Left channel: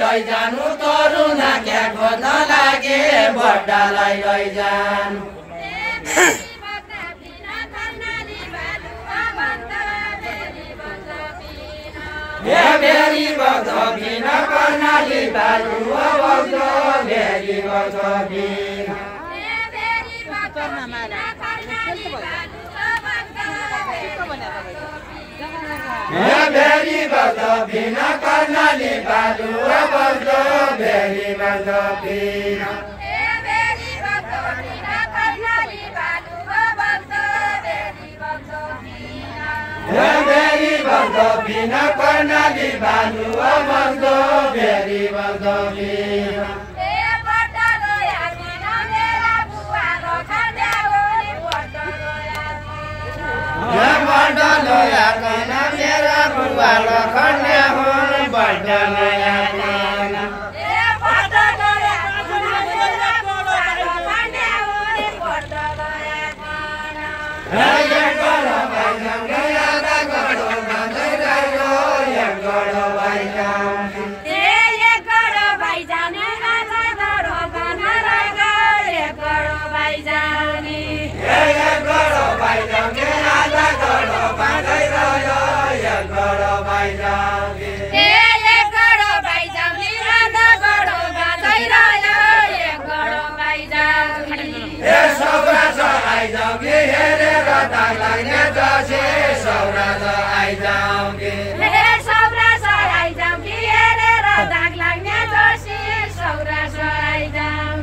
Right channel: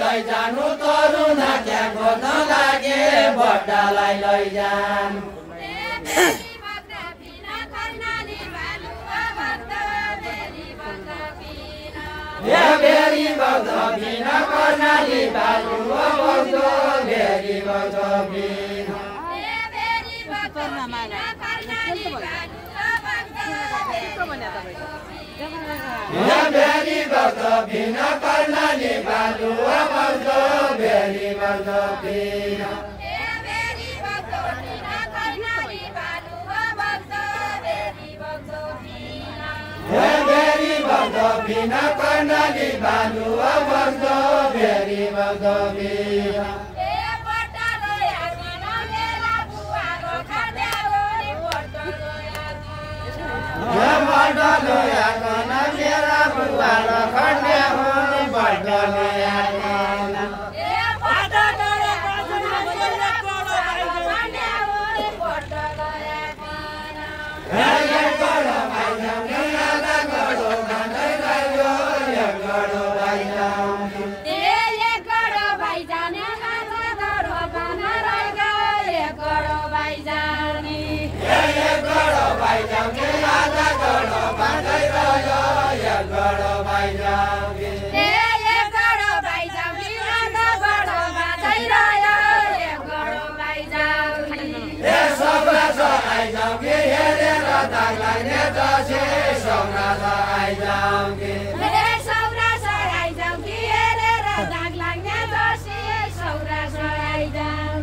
लैजानु तरुना क्या खोज्न लागे बड्डालाई लैजानु भेरी बज बिन कर्णाली बालुवा बज्यो भेरी बज बिन भेरी बज बिन कर्णाली बालुवा बज्यो भेरी बज बिन भेरी बज बिन कर्णाली बालुवा बज्यो भेरी बज बिन बड्डलोया कन मेरा बुवा र खण्डे हुन् बड्डलोया कन बड्डलोया कन मेरा बुवा र खण्डे हुन् बड्डलोया कन हे गरो भाइ सँगै आधा गरो गाँदै रह्यो एक गरो भाइ जाने एक गरो भाइ जाने आधा गरो गाँदै रह्यो एक गरो भाइ जाने एक गरो भाइ जाने आधा गरो गाँदै रह्यो एक गरो भाइ जाने एक गरो भाइ जाने आधा गरो गाँदै रह्यो एक गरो भाइ जाने ए सौरा छ आइजाउँ हेरेर दाग लाग्ने दसैँ सौरा छ आइजाउँ ए सौरा छ आइजाउँ हेरेर दाग लाग्ने दसैँ सौरा छ आइजाउँ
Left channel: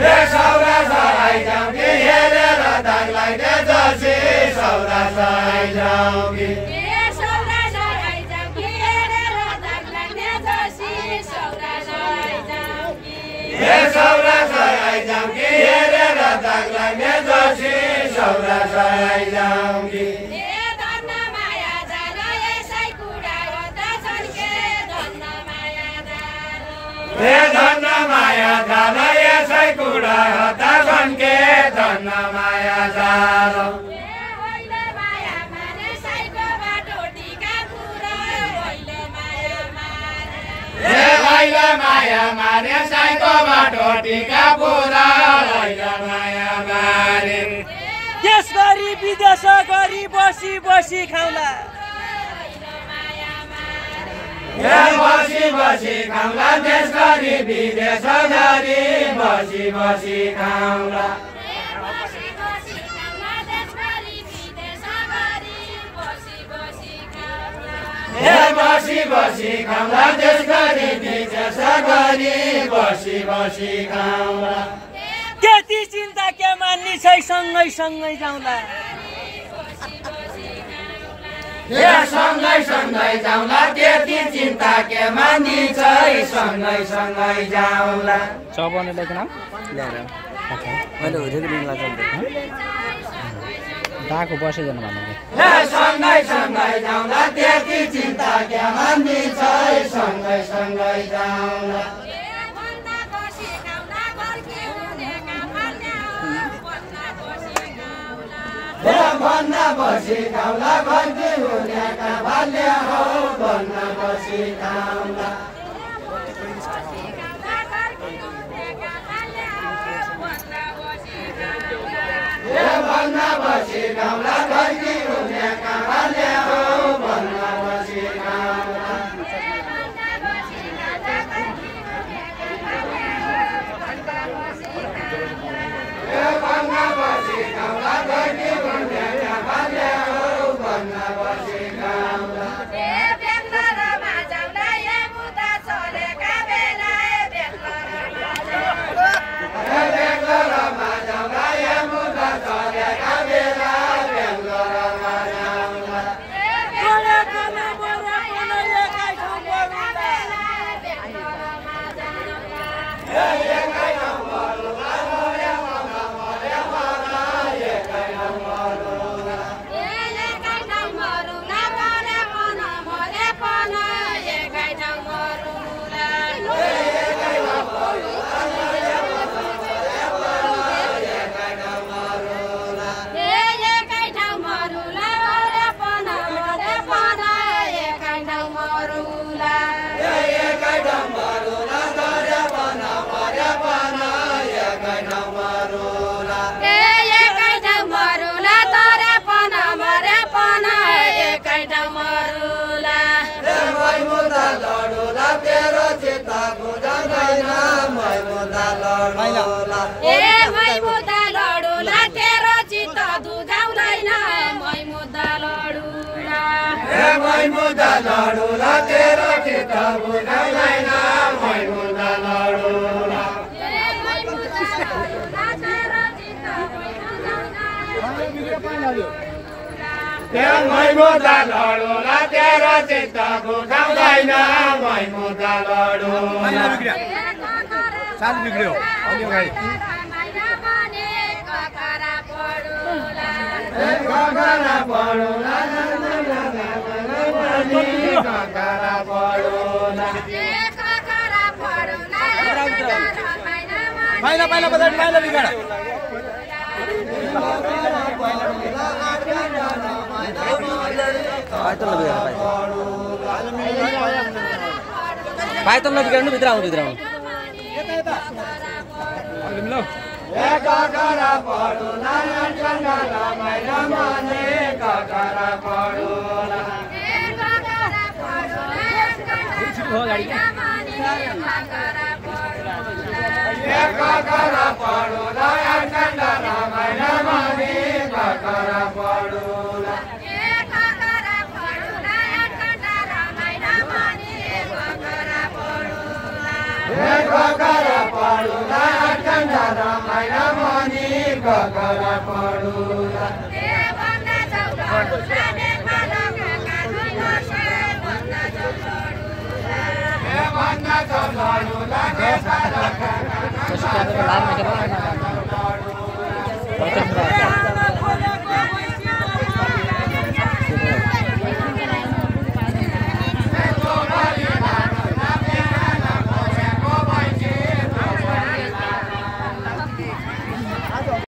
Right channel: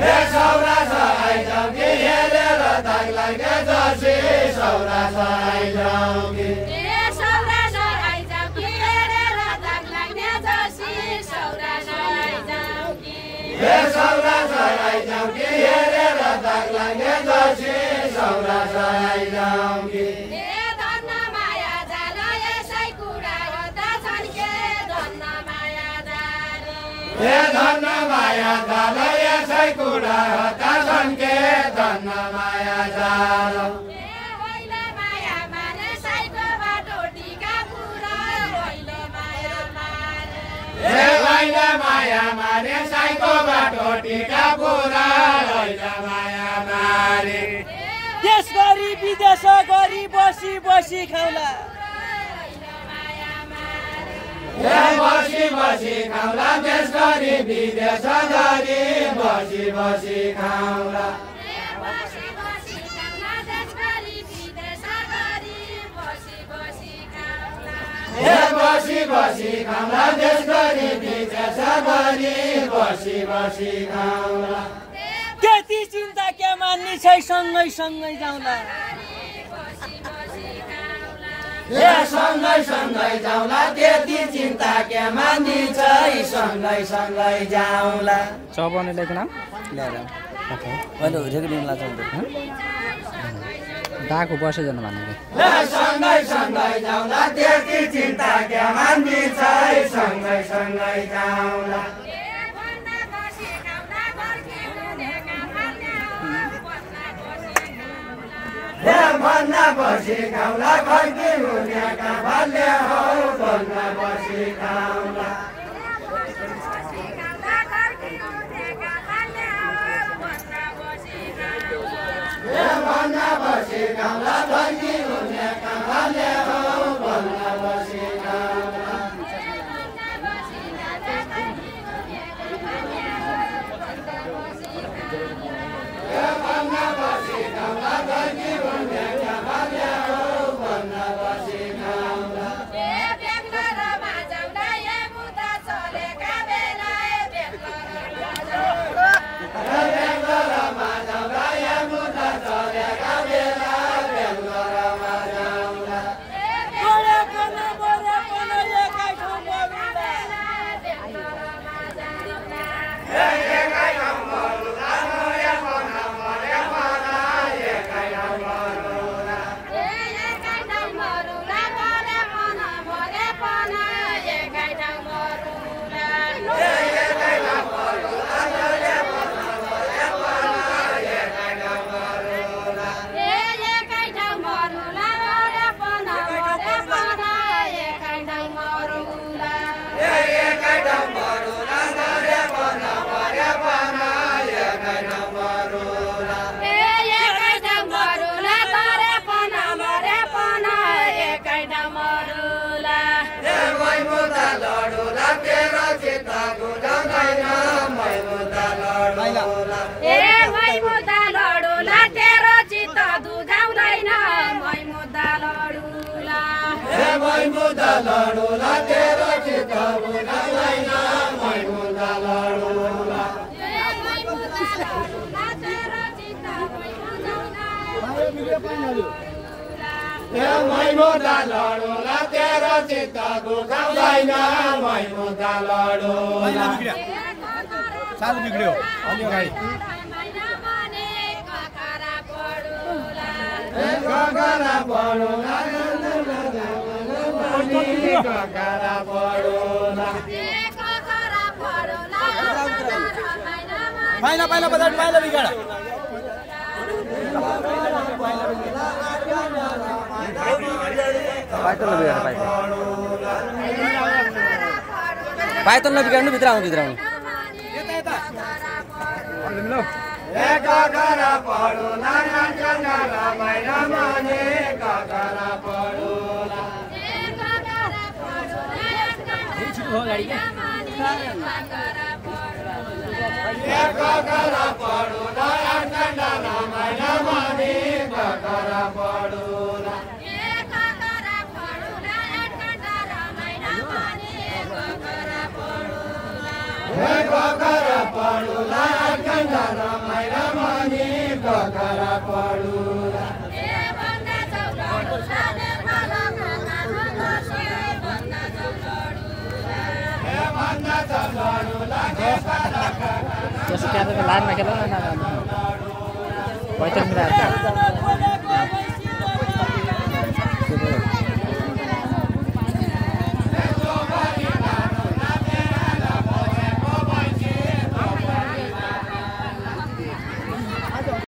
ए सौरा छ आइजाउँ हेरेर दाग लाग्ने दसैँ सौरा छ आइजाउँ ए सौरा छ आइजाउँ हेरेर दाग लाग्ने दसैँ सौरा छ आइजाउँ ए सौरा छ आइजाउँ हेरेर दाग लाग्ने दसैँ सौरा छ आइजाउँ ए धन्न माया जान यसै कुरा हो त झन्के धन्न माया जान ए धन्न माया जान यसै कुरा हो त झन्के धन्न माया जान होइन माया मारे साइको बाटो टिका पुरा होइन माया मारे ए होइन माया मारे साइको बाटो टिका पुरा होइन माया मारे देश गरी विदेश गरी बसी बसी खाउला ए बसी बसी खाउला देश गरी विदेश गरी बसी बसी खाउला ए बसी बसी खाउला देश गरी विदेश गरी बसी बसी खाउला त्यति चिन्ता के मान्ने छै सँगै सँगै जाउँला ए सँगै सँगै जाउँला त्यति चिन्ता के मान्ने छै सँगै सँगै जाउँला चौबने लेख्न मैले रेकर्डिङमा चल्दै दाको बसे जानु भन्नु ए सँगै सँगै जाउँला त्यति चिन्ता के मान्ने छै सँगै सँगै जाउँला ए भन्ना बसी खाउला घरकी हुनेका भाल्य हो भन्ना बसी खाउला ए भन्ना बसी खाउला घरकी हुनेका भाल्य हो भन्ना बसी खाउला ए भन्ना बसी खाउला घरकी हुनेका भाल्य हो भन्ना बसी खाउला ए बेग्लोरमा जाउँला ए मुदा चलेका बेला ए बेग्लोरमा जाउँला ए बेग्लोरमा जाउँला ए मुदा चलेका बेला बेग्लोरमा जाउँला मुद्दा लडुला तेरो चित्त बुझाउँदैन मै मुद्दा लडुला मै मुद्दा लडुला तेरो चित्त बुझाउँदैन मै मुद्दा लडुला चालु बिग्रियो अनि अगाडि ककरा पढुला ककरा पढुला पहिला पहिला बजार पहिला बिगाड पाइतल नबिगाड्नु भित्र आउनु ककरा पढुला ककरा पढुला गाडी क्या ककरा पढुला ककरा पढुला ककरा पढुला कन्डा रमाइला मनी ककरा पढुला Terus kita ke lain macam mana?